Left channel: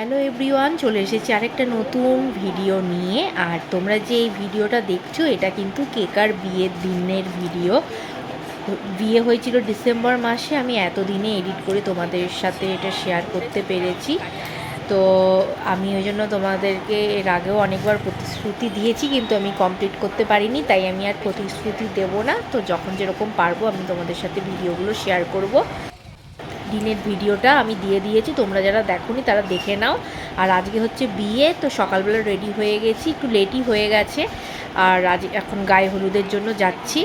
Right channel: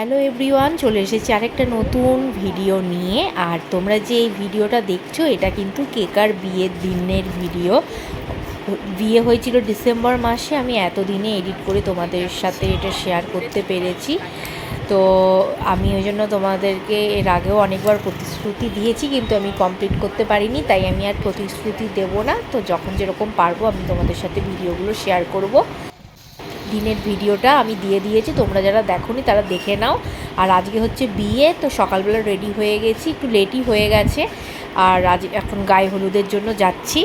Hello everyone চলে এসেছি আরেকটা নতুন ভিডিও নিয়ে। আর তোমরা যে এই ভিডিওটা দেখছ, এটা কিন্তু কেকার বিয়ের দিনের ভিডিও বিয়ে হয়েছিল ডিসেম্বর মাসে, আমি এতদিনে এডিট করে তোমাদের সাথে এটা শেয়ার করতে পেরেছি। তো আমি ওই জন্য তোমাদেরকে এর আগেও অনেকবার প্রতিশ্রুতি দিয়েছি, কিন্তু আমি কমপ্লিট করতে পারিনি, তাই আমি আর প্রতিশ্রুতি দেব না। তো যখন যেরকম পারব, আমি তোমাদের সাথে ভিডিওগুলো শেয়ার করব। দিনের ভিডিওটা আমি দিয়ে দিয়েছি, তোমরা যারা দেখোনি তারা দেখে নাও। আর আজকে হচ্ছে বিয়ে, তো সকালবেলা রেডি হয়ে গেছি, একটু লেটই হয়ে গেছে। আর আজ এখন গায়ে হলুদের জন্য যাচ্ছি।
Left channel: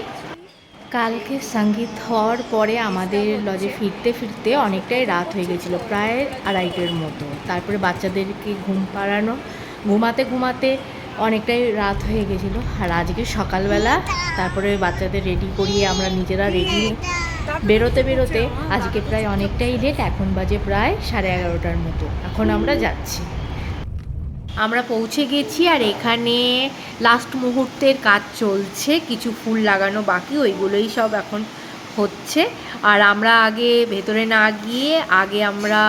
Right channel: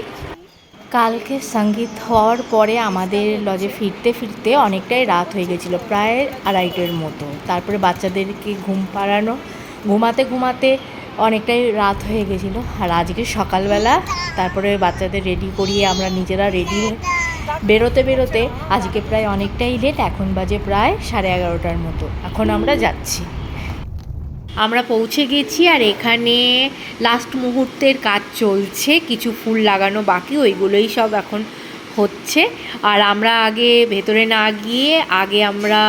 কালকে সংগীত হওয়ার পরে আমাদের লজে ফিরতে ফিরতে অনেকটাই রাত হয়ে গেছিল, প্রায় আড়াইটের মতো। তারপরে বাচ্চাদেরকে ঘুম পাড়ানো, ঘুমাতে ঘুমাতে অনেকটাই রাত হয়ে গেছিল। আর আজকে সকালবেলা তারপরে বাচ্চাদের রেডি করিয়ে আমরা নিজেরা রেডি বেরোতে বেরোতে আজকে প্রায় অনেকটাই লেট এখন বাজে প্রায় সাড়ে এগারোটার মতো। এখন আমরা যাচ্ছি। আমরা পৌঁছে গেছি আর এখানে লাস্ট মুহূর্তের কাজ চলছে, কিছু ফুল লাগানো বাকি, ওইগুলোই সব এখন হচ্ছে। আর আমরা আগে ভেতরে না গিয়ে আগে আমরা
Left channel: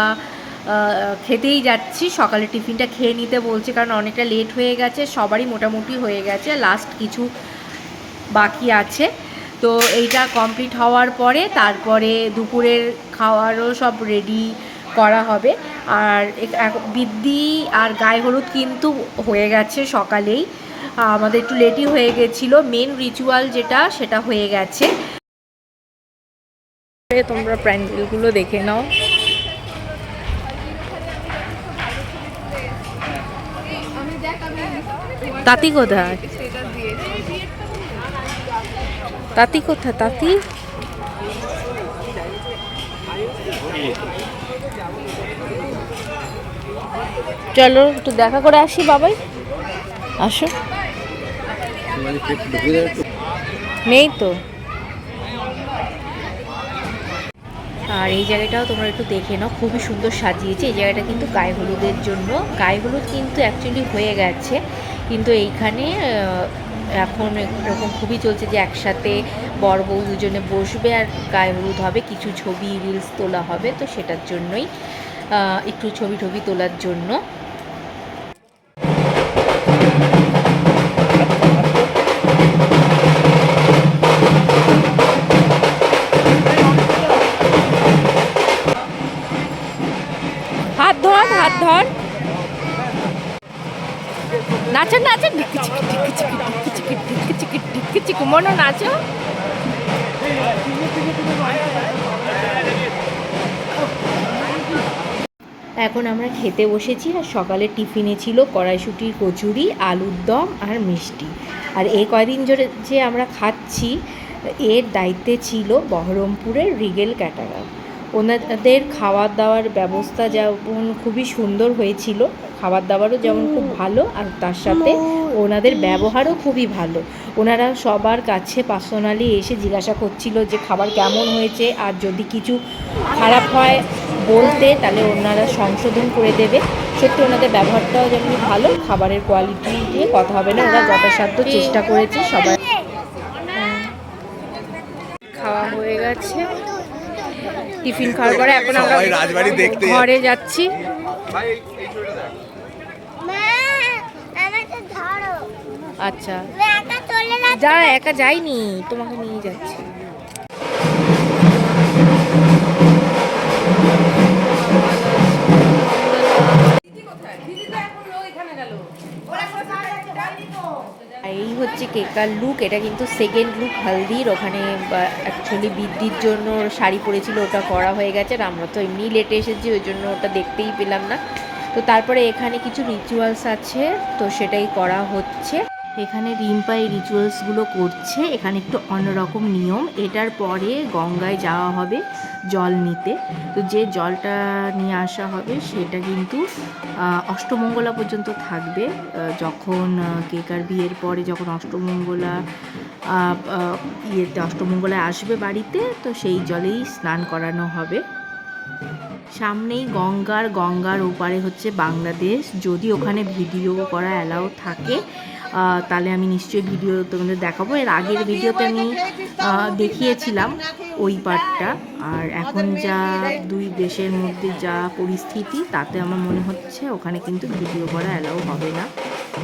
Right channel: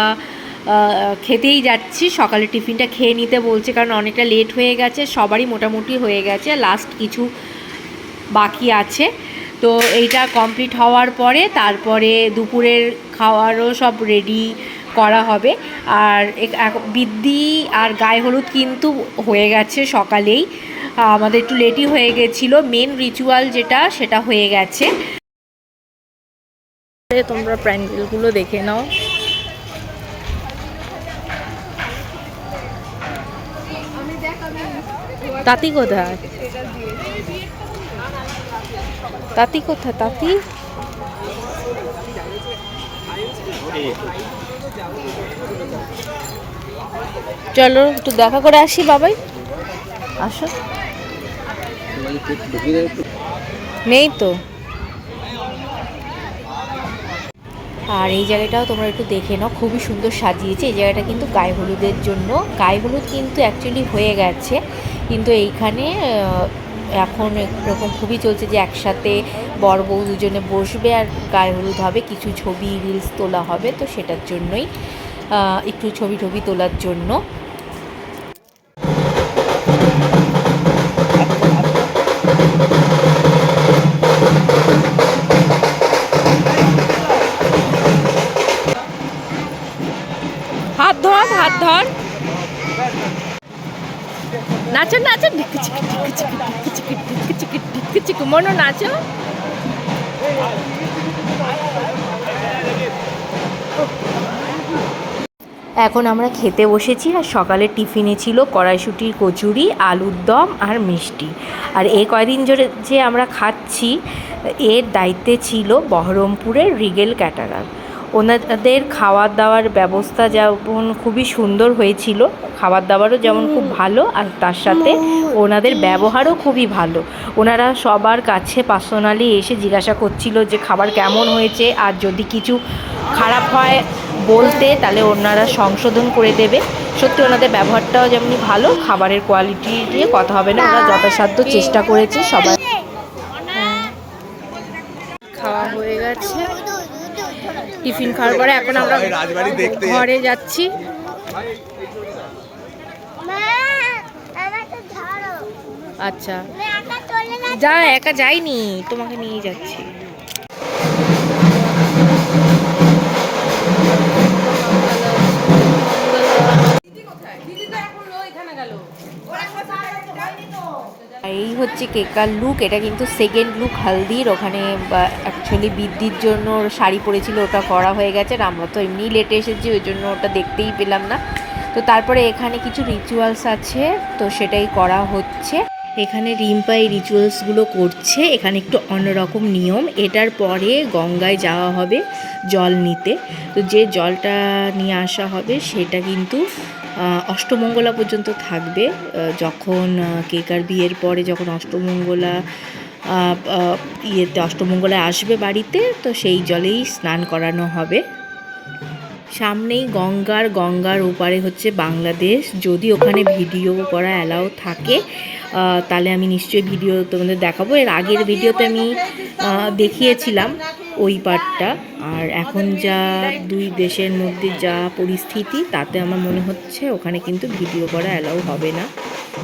খেতেই যাচ্ছি। সকালে টিফিনটা খেয়ে নিতে বলছে, কারণ অনেকটা লেট হয়ে গেছে, সবারই মোটামুটি হয়ে গেছে। লাস্ট কিছু বাকি আছে। তো এইটা কমপ্লিট হওয়ার পরে তারপরে দুপুরের খাওয়ারও সব রেডি করা হবে। আর বৃদ্ধি আর গায়ে হলুদ কিন্তু হয়ে গেছে সকালেই। আমাদের একটু লেটই হয়ে গেছিল। মেন রিচুয়াল যেটা, সেটা হয়ে গেছে। তোমরা প্যান্ডেলগুলো দেখে নাও। তাঁতি কোথায়? তাঁতি কোথায় তাঁতি? চলো, একটু দেখা করে আসি বাবাই। আসো। নেই তো। আর এই জায়গাটাও তোমরা একটু দেখে নাও, খুবই সুন্দর সাজিয়েছে। এই জায়গাটা কিন্তু গায়ে হলুদের জন্য। গায়ে হলুদ কিন্তু অ্যাকচুয়ালি হয়ে গেছে। কিন্তু এইখানে এখন এরকম খুবই চলছে যে একসাথে বর বউ দুজনে বসবে আর গায়ে হলুদ হবে, কিছু ছবি রিলস তোলা হবে, তো সেটার জন্যই একটু ছবি টবি তোলার জন্য। হাত ধর হাত ধর। নাচো নাচো ঢিকি ঢিকি। ঢিকি ঢিকি চিকি ঢিকি মনো নাচো। এখন আমরা খেতে বসেছি আর সকালে টিফিনে ছিল কড়াইশুটির কচুরি, আলুর দম আর মিষ্টি। আর এই কয়দিন ধরে যে আমরা খাচ্ছি, এর দায়িত্বে ছিল বহরমপুরের রিগেল ক্যাটারার। ওনাদের খাওয়ার দাওয়ার ব্যবস্থা যেমন খুবই সুন্দর হয়েছিল খাবার দাবারও যেমন খুব ভালো, আর তার সাথে ওনাদের ব্যবহারও খুবই ভালো ওনারা সবার কাছে পার্সোনালি এসে জিজ্ঞাসা করছিল যে খাবার কেমন হয়েছে, আর যদি কিছু খারাপ হয় বলতে তাহলে ওনারা সংশোধন করে দেবে সত্যি ওনাদের ব্যবহারটাও যেমনি ভালো, খাবারের কোয়ালিটি নিয়ে কথা হবে না, ওরা যথাসাধ্য চেষ্টা করেছে সবাই। খাওয়া হয়ে গেছে টিফিন খাওয়ার পরে এখন আমরা ঘরে যাচ্ছি। মা আমাকে ধরো। আচ্ছা। যা একা যাইনি তোমাকে নিয়ে যাচ্ছি। হচ্ছে কেকার লুক এটা কিন্তু সেকেন্ড লুক হালদির। ওখানে অ্যাকচুয়ালি বৃদ্ধির জন্য শাড়ি পরেছিল, ওটা করা হয়ে গেছে। আর আমরা তো এমনি লেটে এসেছি, ওই জন্য ওটা দেখতেই পেলাম না। তো তারপরে এখানে কিছু রিচুয়ালস আছে, তো সেটাই করা হচ্ছে। এখানে রিম্পা এই রিচুয়ালসগুলো করছে। এখানে একটু অন্যরকম নিয়ম। এটার পরে গঙ্গায় যাওয়া হবে জল নিতে। তো যে জলটা নিয়ে আসা হবে সেটা কিন্তু অষ্টমঙ্গলা পর্যন্ত থাকবে। যখন কেকার বিয়ের পরে যখন অষ্টমঙ্গলা ইয়েতে অষ্টমঙ্গলা আসবে বাড়িতে, তো সেই জলেই স্নান করানো হবে। সামনেই গঙ্গার গঙ্গার ওপারে হচ্ছে বাংলাদেশ। যদি ওখানে ভিডিও করা অ্যালাউ থাকে তাহলে আমি নিশ্চয়ই ভিডিও তোমাদের দেখাবো। এর আগের ভিডিওতে আমি দেখিয়েছিলাম ওই পার্টটা আর এখন যা দুই দেশের মধ্যে যা পরিস্থিতি, তাতে আমার মনে হচ্ছে ওখানে কিন্তু ভিডিও করা অ্যালাউ হবে না।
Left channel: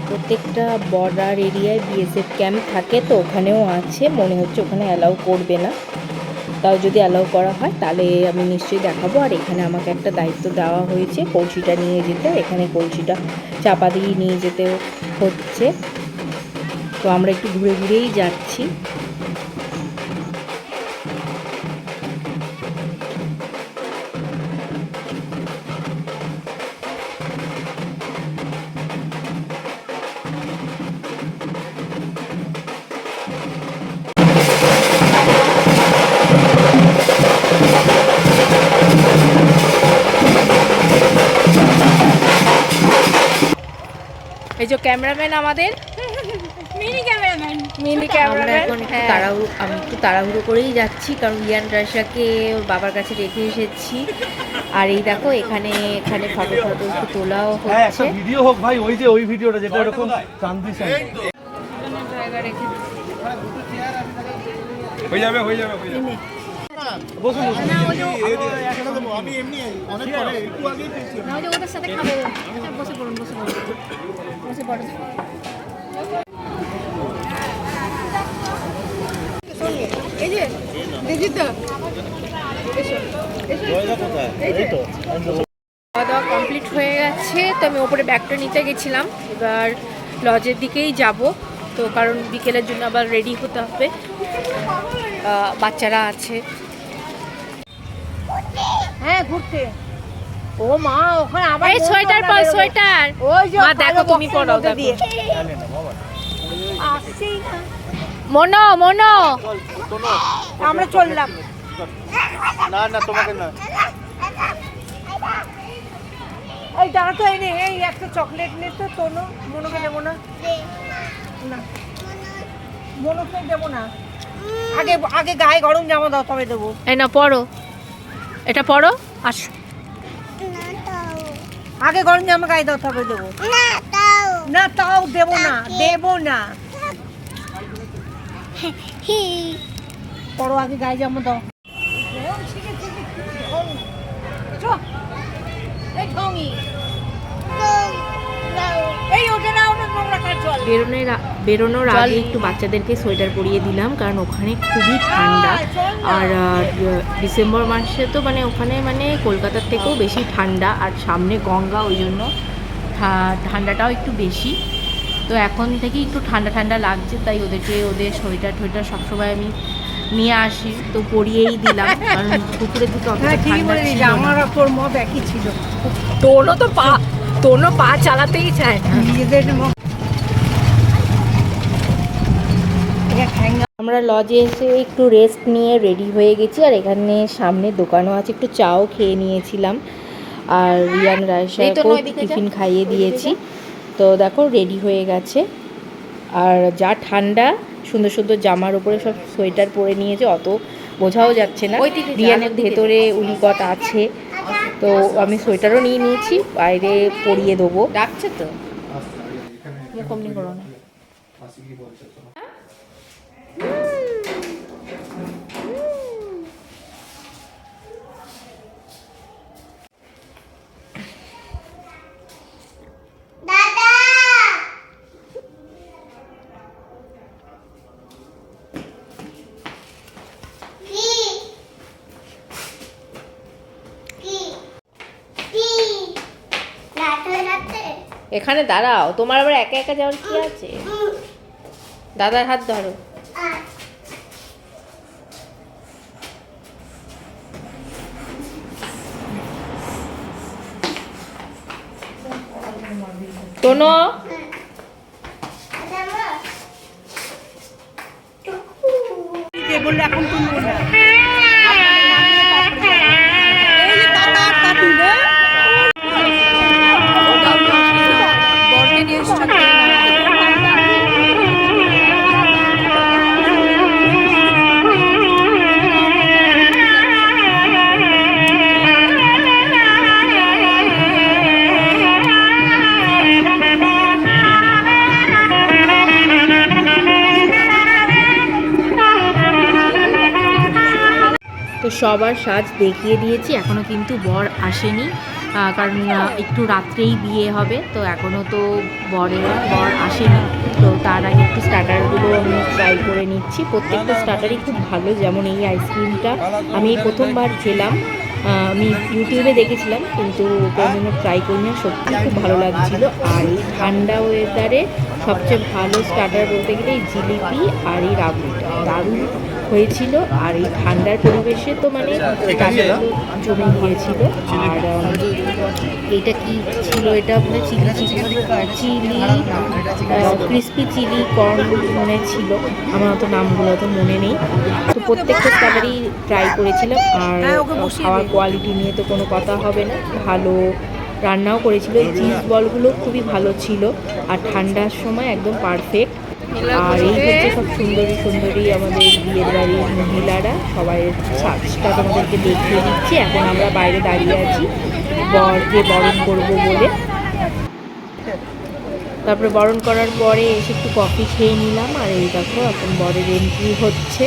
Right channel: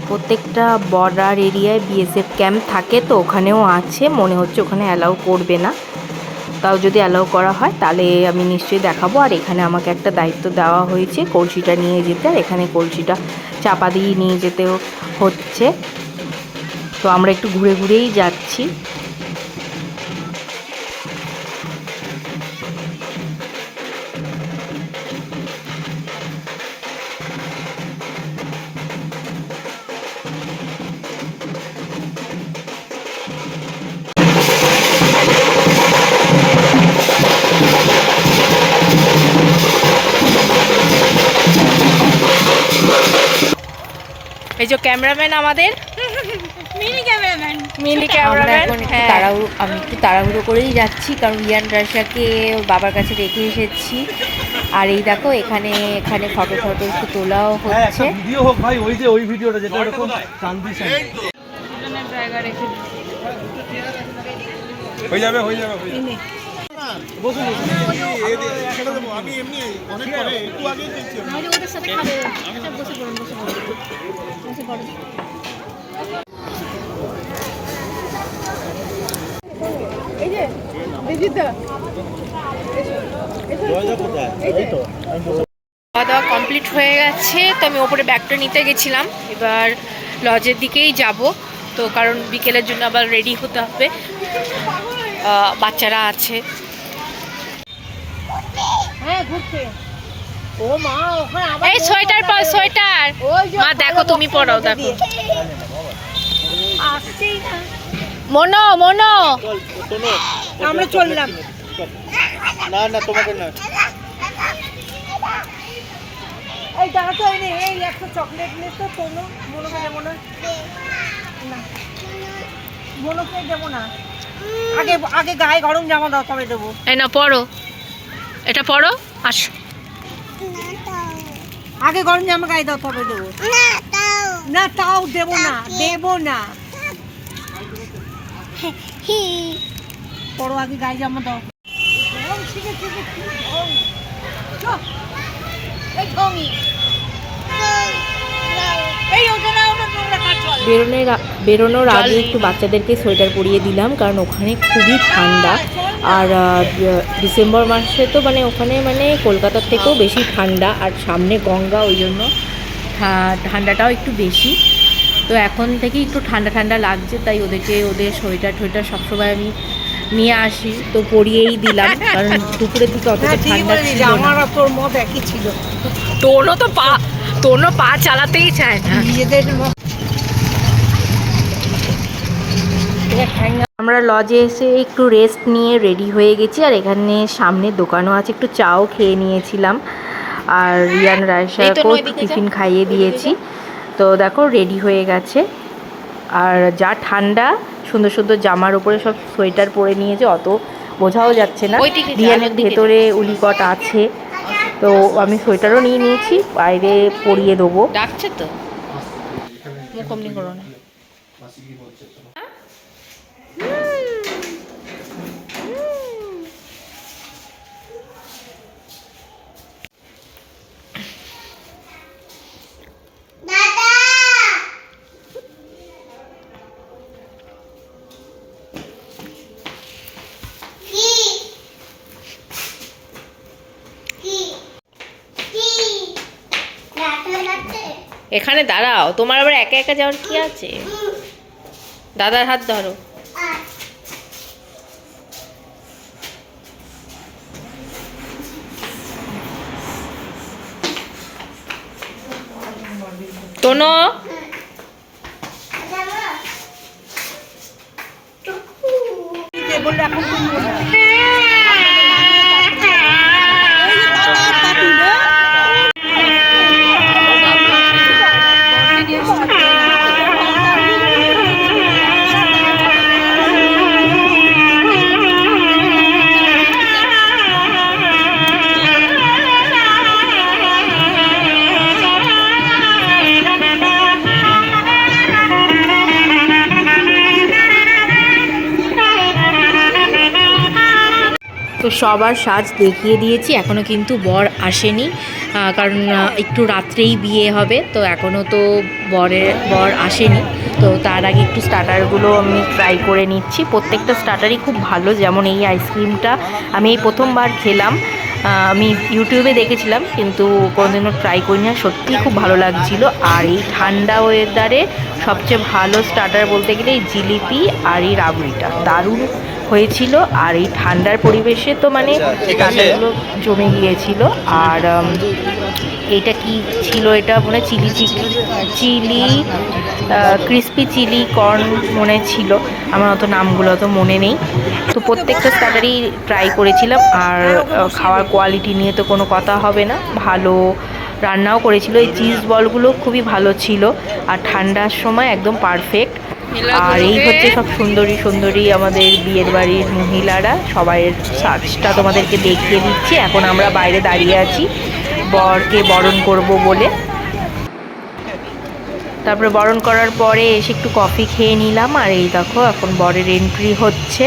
প্রত্যেকটা বর্ডার এরিয়ায় বিএসএফ ক্যাম্প থাকে তো, ওখানেও আছে। মনে হচ্ছে ওখানে অ্যালাউ করবে না। তাও যদি অ্যালাউ করা হয়, তাহলে আমি নিশ্চয়ই দেখাবো। আর এখানে আমাকে একটা দায়িত্ব দেওয়া হয়েছে, কলসিটা নিয়ে যেতে। আর এখানে কলসিটা চাপা দিয়ে নিয়ে যেতেও হচ্ছে। তো আমরা একটু ঘুরে ঘুরেই যাচ্ছি। এই যে ক্যামেরাম্যান আমাদের। Mini cameraman. মিনি আমরা এখন একটু তাড়াহুড়ো আমি একটু তাড়াহুড়ো করেই যাচ্ছি কারণ রিয়ান রাশাকে ওর বাবার কাছে রেখে এসেছি। আর এই দেখো এখানে এখানে ফটো ফটো একটু তোলাও হ্যাঁ হচ্ছে। ভিডিও হোক ভাই ওই যে ওই ভিডিওটা যেটা এরকম ট্রানজিশন হয়ে যাবে হয়ে যাবে খাওয়া দাওয়া কমপ্লিট হয়ে গেছে, তো আমি ওপরে ব্যাগটা নিতে গেছিলাম। এবার লজের দিকেই যাব। তো কারণ বিকেলের জন্য আবার রেডি হতে হবে। বাচ্চারা আছে। হ্যাঁ ঘুরতে। ও মা ওখানে আবার এই সোয়েটার পর সোয়েটার। মা দেখো তুমি মধ্যে দেখো। মনো মনো। আমরা চললাম। না না তোমাকে না। এই দাঁড়া তো এই এই একটা চকলেট নে তো তোনো। মনোকে দেবো না। না। মনোকে দেবো না। আগে আগে গায়ে গরম জামা দাও তবে দেবো। এই না পড়ো এটা পড়ো আস। আগে গরম জামা গায়ে দাও তবে দেবো। না তাও দেব না দেবো না। পড়ো পরো আগে গায়ে জামা দাও এই ঢঙ্গি এই ওটা না ওটা তোমরা কাজ চল বেরোনোর বেরোনোর আগে একটু বাচ্চাদেরকে সোয়েটার পরিয়ে দিলাম কারণ ওখানে খুবই ঠান্ডা। আর ডিসেম্বর মাসে তো মানে ওখানে মানে কলকাতার থেকেও বেশি ঠান্ডা আর সামনে গঙ্গা ওই জন্য ঠা- ঠান্ডাটাও একটু বেশি। তো এখন থেকে একটু ঠান্ডা ঠান্ডা লাগছে তাই ওদেরকে ওদের সোয়েটার টোয়েটার সবসময় আমি নিয়ে আসি। তো পরিয়েই দিলাম কারণ দুপুরে থেকে অতটা ঠান্ডা ছিল আমার তোর মত একই ছিল। তোনো তো পা তোনো পা চালাতেই চায়। না নিজেদের মত আমরা লজে এসে একটু রেস্ট নিয়ে রেডি হয়ে গেছি আর এখানে সামনে দোকানও আছে। একটু চাও খেয়ে নিয়েছিলাম আর রিয়ান রায়সাকেও টিফিন খাইয়ে দিয়েছি। তো দেখো রেডি হয়ে গেছে। আর যা ঠান্ডা সুন্দর সুন্দর জামার উপরে সব সোয়েটার পরে নিয়েছে অত বোঝাও যাচ্ছে না। রিয়ানের ভেতরে উলিকট আছে। তো আমি সোয়েটারও নিয়ে নিয়েছি বাইরে পরিয়ে দেবো। ডাকছে তো। অমনি করো না। এখানে দাঁড়াও তোমার আবার একা একা যাওয়ার কি আছে? দাদার হাত ধরো। তোনো সবার সাজ দেখিয়ে দিয়েছি এখনও কিন্তু বর আসেনি কারণ একটু রাত্রেই বিয়ে হবে, তো এখনও তো বরের, বর আসেনি, তো তার আগে একটু স্টার্টারগুলো আমি ট্রাই করে নিচ্ছি, প্রত্যেকটা স্টার্টারই খুব ভালো, যেমন এই আইসক্রিমটা আমি এই প্রথমবার খেলাম আমি ইউটিউবে দেখেছিলাম, কিন্তু কোনোদিনও ট্রাই করি না সত্যিই খুব ভালো লাগছিল, আর এই ঠান্ডা ওয়েদারে সবচেয়ে ভালো স্টার্টার বলতে গেলে এই জিলিপি আর এই রাবড়িটা, দারুণ হয়েছিল আর এই ঠান্ডার পরিবেশে তো মানে স্টার্টারগুলো জমে গিয়েছিল আর এটা কি ছিল এটা মনে chilli chilli chilli crispy chilli corn মনে ছিল। আমার অত নামগুলো তো মনে নেই। তো প্রত্যেকটা স্টার্টারই ট্রাই করেছিলাম আর খাওয়ার কোয়ালিটি নিয়ে তো কোনো কথা হবে না। ভালো রান্নাও করেছিল। এই চিজ বলগুলো খুবই ভালো ছিল। আর ঠান্ডার সময় একদম পারফেক্ট। আর এই হচ্ছে সব সুন্দরী সুন্দরী আমাদের বিয়ের বাড়ির মহিলারা। সবাই সাজটা তোমাদেরকে দেখিয়ে দিচ্ছি। এখন আমরা বাইরে দাঁড়িয়ে আছি। বরকে বরণ করব বলে। তারপরে বরণ করার পরে এসে একটু কফি খেয়ে নিলাম। আর এই দেখো এখন বরের এন্ট্রি হচ্ছে।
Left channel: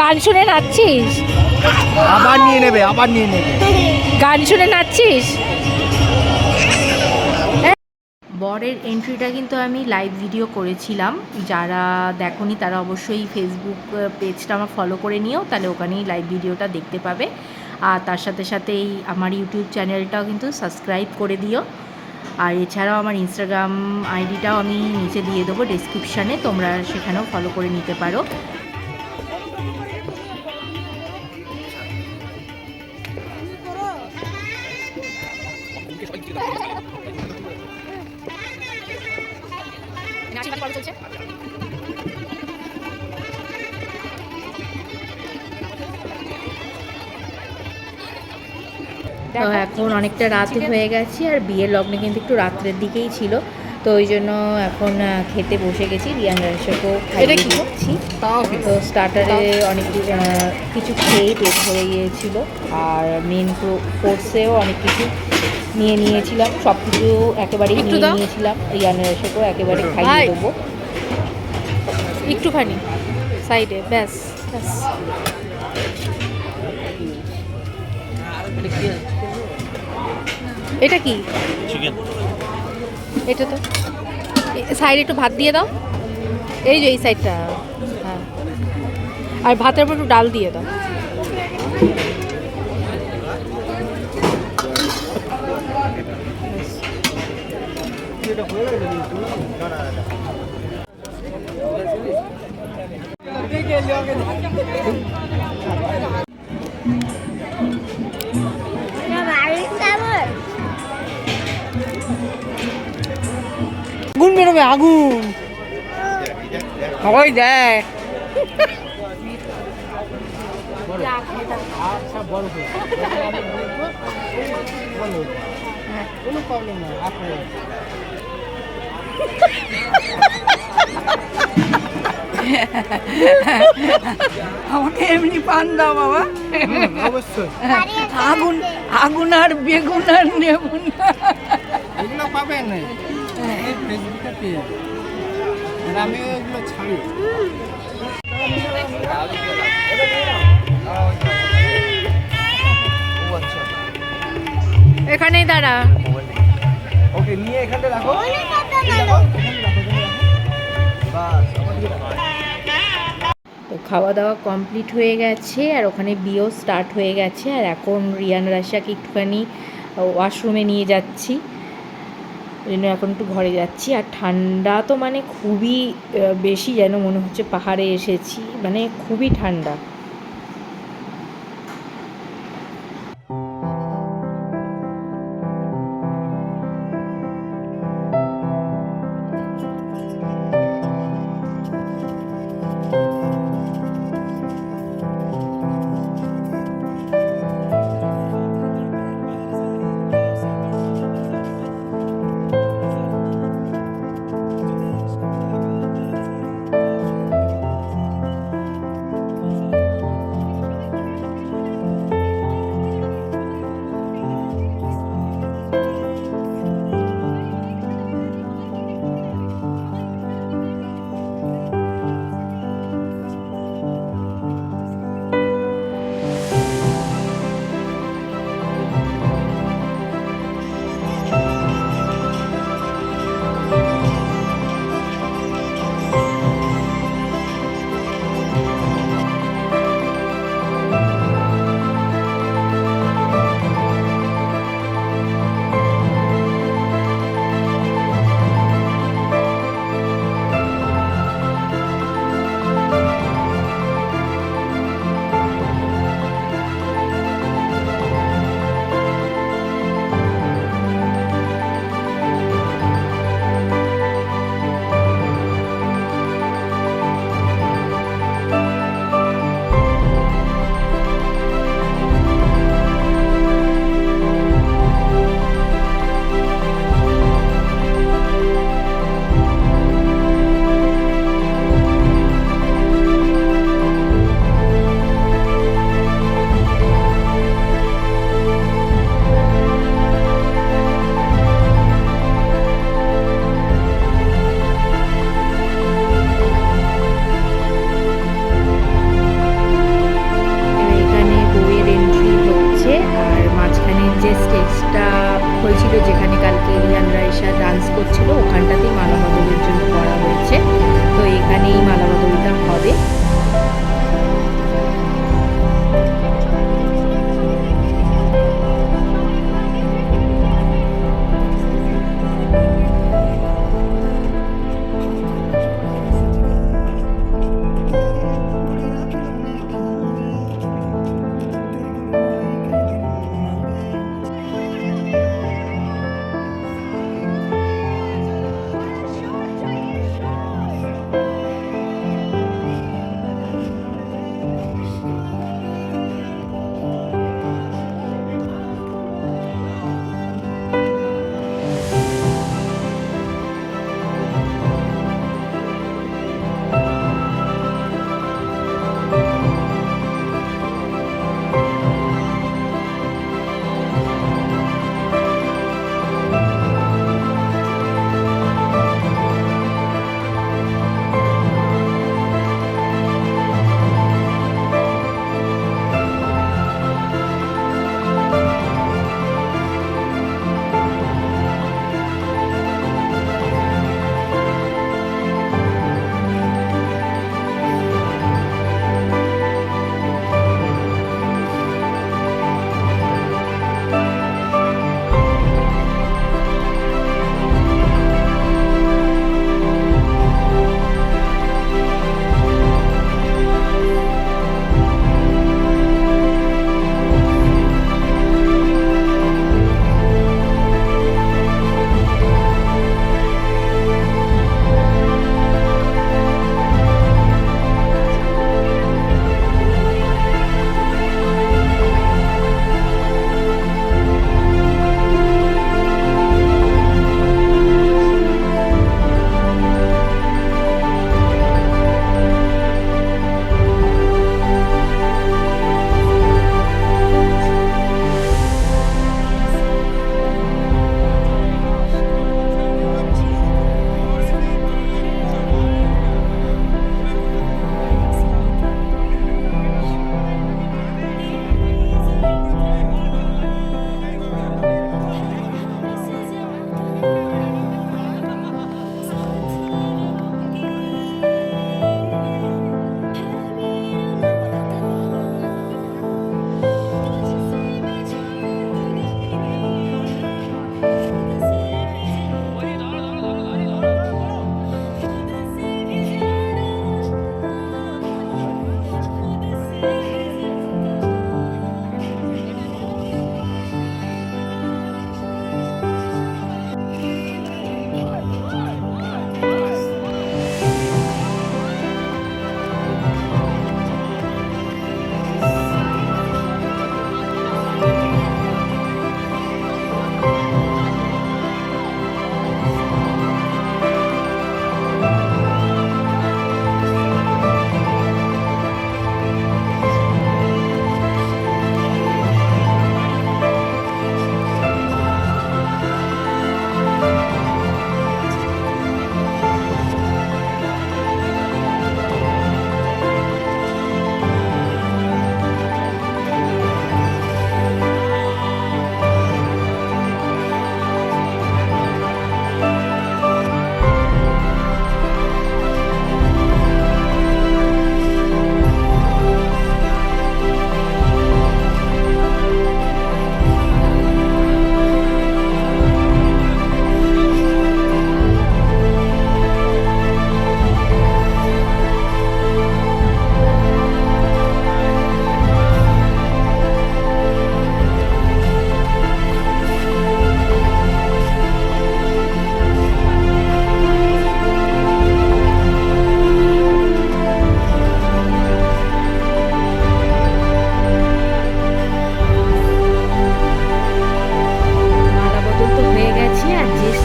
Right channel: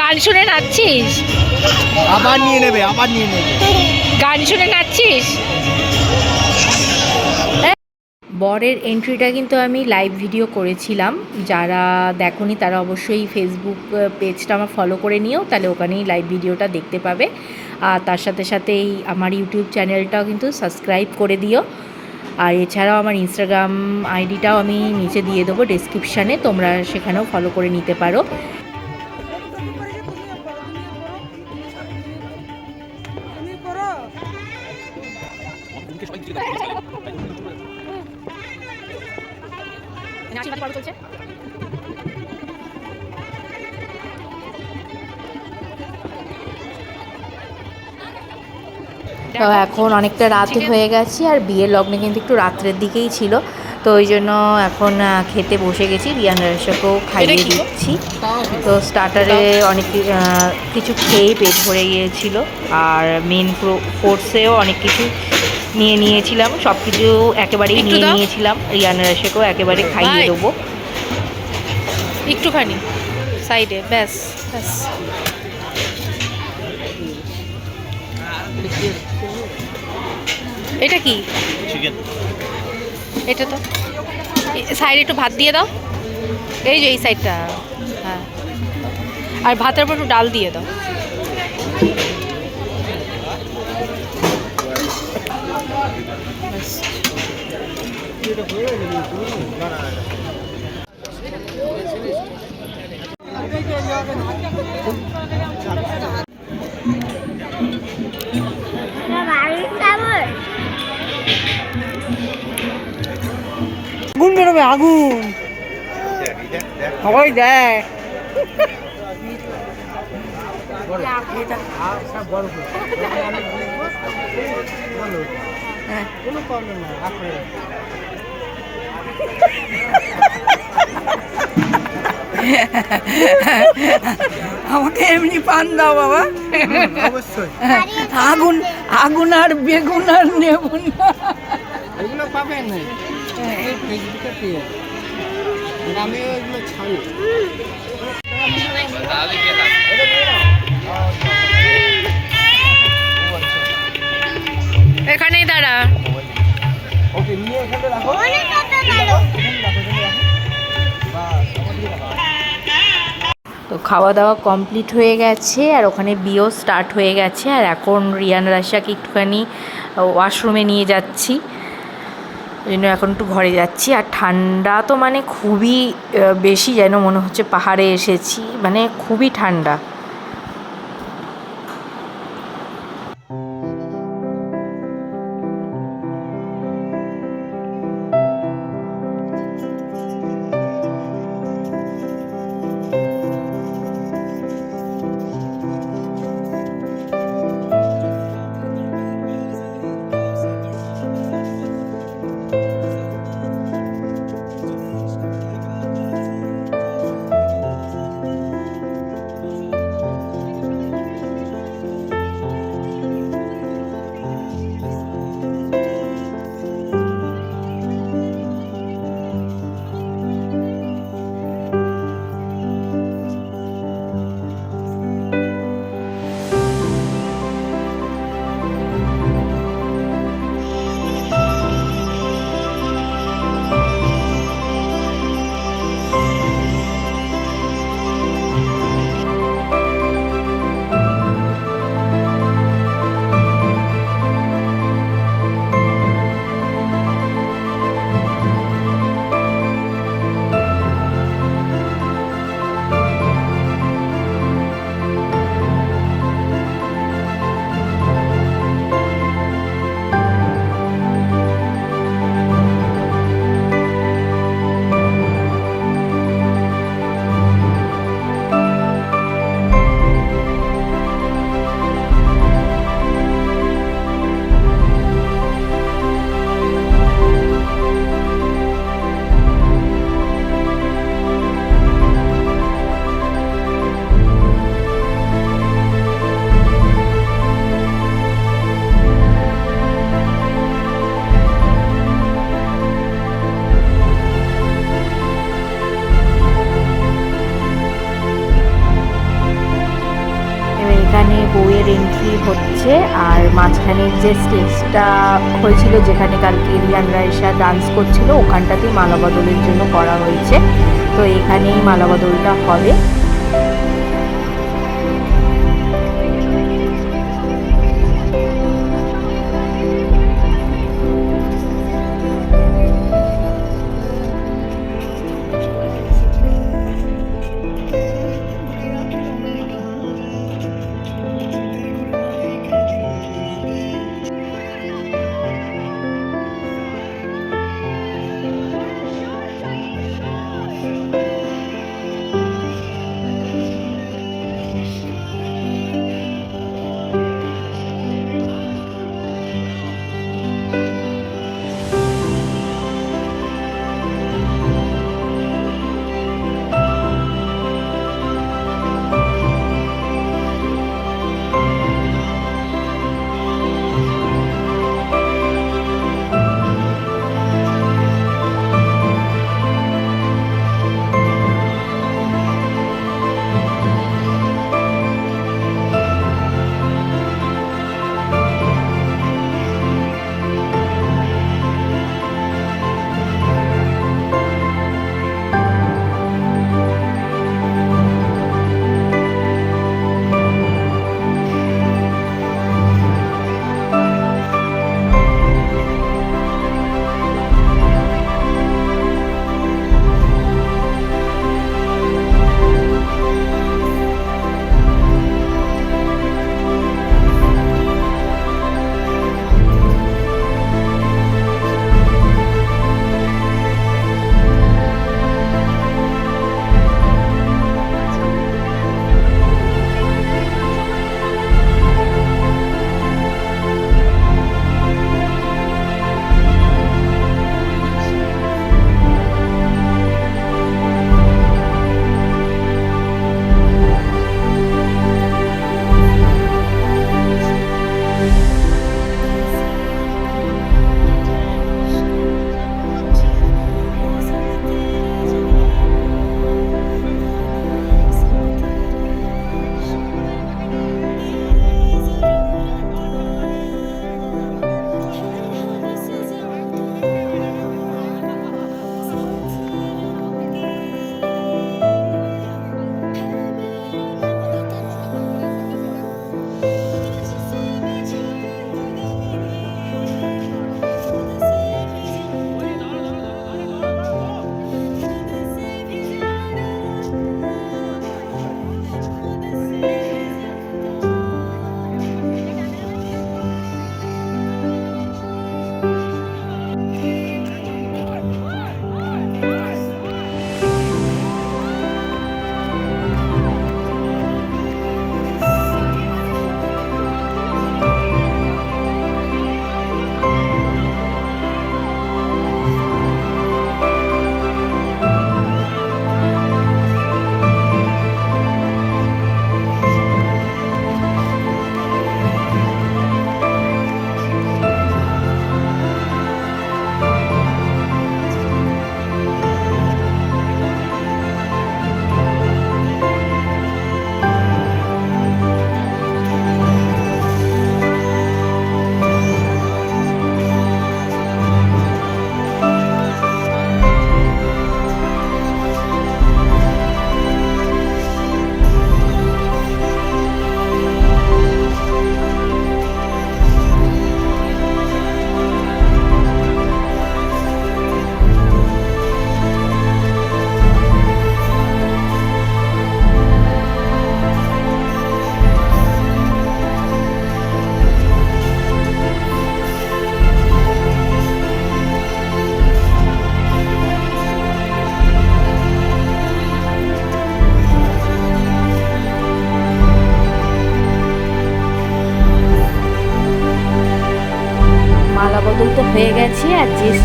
গান শুনে নাচছিস? আবার নিয়ে নেবে আবার নিয়ে নেবে। গান শুনে নাচছিস? বরের এন্ট্রিটা কিন্তু আমি লাইভ ভিডিও করেছিলাম। যারা দেখনি তারা অবশ্যই ফেসবুক পেজটা আমার ফলো করে নিও তাহলে ওখানেই লাইভ ভিডিওটা দেখতে পাবে। আর তার সাথে সাথে এই আমার ইউটিউব চ্যানেলটাও কিন্তু সাবস্ক্রাইব করে দিও। আর এছাড়াও আমার ইনস্টাগ্রাম আইডিটাও আমি নিচে দিয়ে দেবো ডেসক্রিপশানে তোমরা সেখানেও ফলো করে নিতে পারো। পর্ব চলছে। তো এখন অনেকটা রাত হয়ে গেছে আর বিয়ের লগ্নে কিন্তু একটু রাত্রের দিকেই ছিল। তো ওই জন্য এখন খেতে বসে গেছি। রিয়ান রাশাকেও খাইয়ে দিচ্ছি। তো স্টার্টারে অনেক কিছু খেয়েই পেট ভরে গিয়েছিল। আর মেন কোর্সেও অনেক কিছু নিয়ে নিয়েছিলাম সব কিছু একেবারেই নিয়ে নিয়েছিলাম। রিয়ান রাশাকেও একেবারে খাইয়ে দেবো। একটুখানি সাইডে ব্যাস ব্যাস। এটা কি? এটা তো? সাইডে একটু ভাত দিয়ে দাও। এই যে এই সাইডটা হ্যাঁ। আর ভাতের উপর একটু ডাল দিয়ে দাও। আগুন বেরোবে আগুন। সবাই দেয় কোনো প্রবলেম নাই আপনি আমাকে এমনি পান দাও বাবা। অবশ্যই। আগুন আগুন আর বেগুন আর নেব না। এগুলো পাবেন নাই ফেসবুকে পেয়ে আমি এগুলো ছাড়ি। এখানেই দাঁড়া। ওকে নিয়ে এখানে রাখো। তো খাওয়া দাওয়া কমপ্লিট হয়ে গেছে, আর ওখানে বিয়েও স্টার্ট হয়ে গেছে, আর এখন রিয়ান রাশাকে একটুখানি ওয়াশরুমে নিয়ে যাচ্ছি। ওই জন্য এখন একটু ঘরে যাচ্ছি, আর ঠান্ডা তো মানে খুবই বেশি যেন মনে হচ্ছে পাহাড়ে এসেছি মানে খুবই ঠান্ডা। এখানে যে স্টেজটা হয়েছিল যেখানে কালকে রিয়ান রাইসা ডান্স করছিল, ওখানটাতেই মালা বদলের জন্য করা হয়েছে। তো এখানেই মালাবদলটা হবে।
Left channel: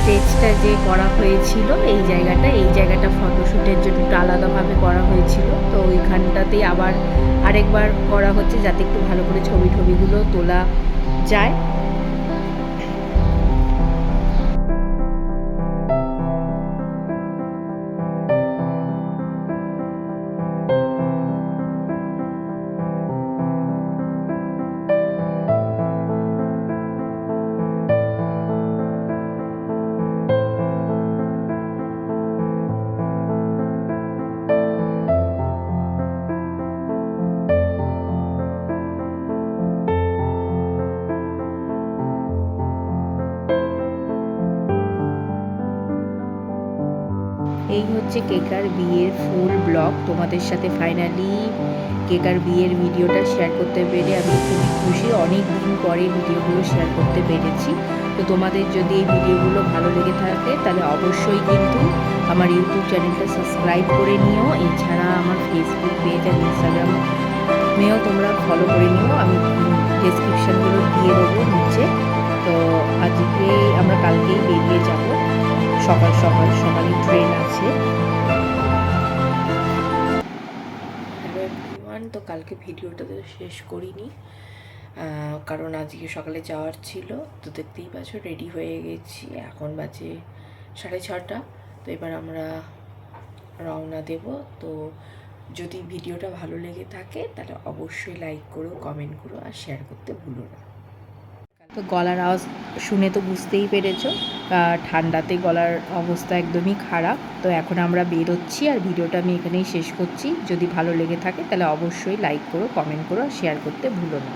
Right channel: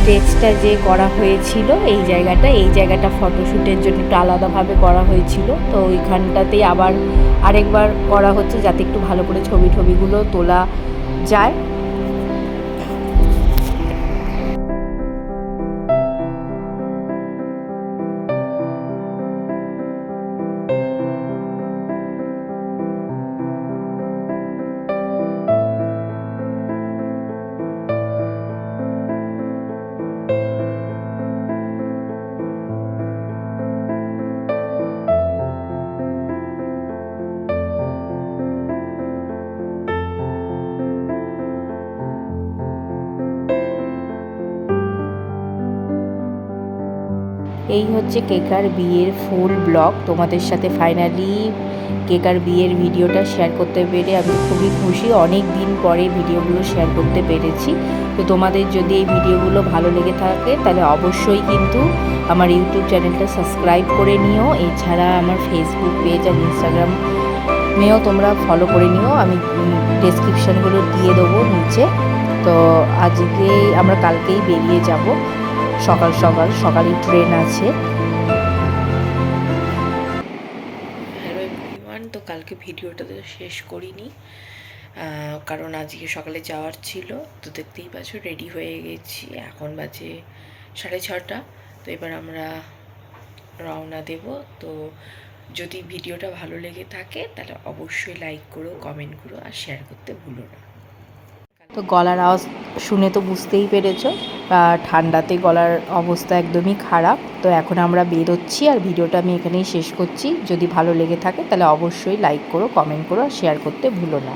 স্টেজটা যে করা হয়েছিল, এই জায়গাটা এই জায়গাটা ফটোশ্যুটের জন্য একটু আলাদাভাবে করা হয়েছিল। তো ওইখানটাতেই আবার আরেকবার করা হচ্ছে যাতে একটু ভালো করে ছবি টবিগুলো তোলা যায়। এই হচ্ছে কেকার বিয়ের ফুল ব্লগ। তোমাদের সাথে ফাইনালি কেকার বিয়ের ভিডিওটা শেয়ার করতে পেরে আমি খুবই খুশি। অনেক দিন পরে ভিডিওগুলো শেয়ার করতে পেরেছি। তো তোমাদের যদি এই ভিডিওগুলো ভালো লেগে থাকে, তাহলে অবশ্যই কিন্তু আমার ইউটিউব চ্যানেলটা সাবস্ক্রাইব করে নিও। এছাড়া আমার ফেসবুক পেজ আর ইনস্টাগ্রাম নিয়েও তোমরা ফলো করে নিও। আমি ডেসক্রিপশানগুলো দিয়ে দেবো নিচে। তো আজকে আমরা কালকেই বেরিয়ে যাব। সকাল সকাল সকালে ট্রেন আছে। হ্যালো তো কালকে ভিডিওটা তো শেষ করিনি কারণ আজকে সকালে যাওয়ার ছিল, তো দেখতেই পাচ্ছ রেডি হয়ে গেছি। এখন বাজে সাড়ে ছটা, তো এবার আমরা রওনা দেব। তো যদি ভিডিওটা ভালো লেগে থাকে, তাহলে অবশ্যই লাইক করো কমেন্ট করো আর শেয়ার করতে ভুলো না। তো গলার আওয়াজ শুনে তো বুঝতেই পেরেছ। ঠান্ডাতে গলার অবস্থা একদমই খারাপ। তো এখন আমরা বেরোচ্ছি আর ভিডিওটা আমি এখানেই শেষ করছি। যদি ভালো লেগে থাকে তাহলে অবশ্যই লাইক করো কমেন্ট করো আর শেয়ার করতে ভুলো না।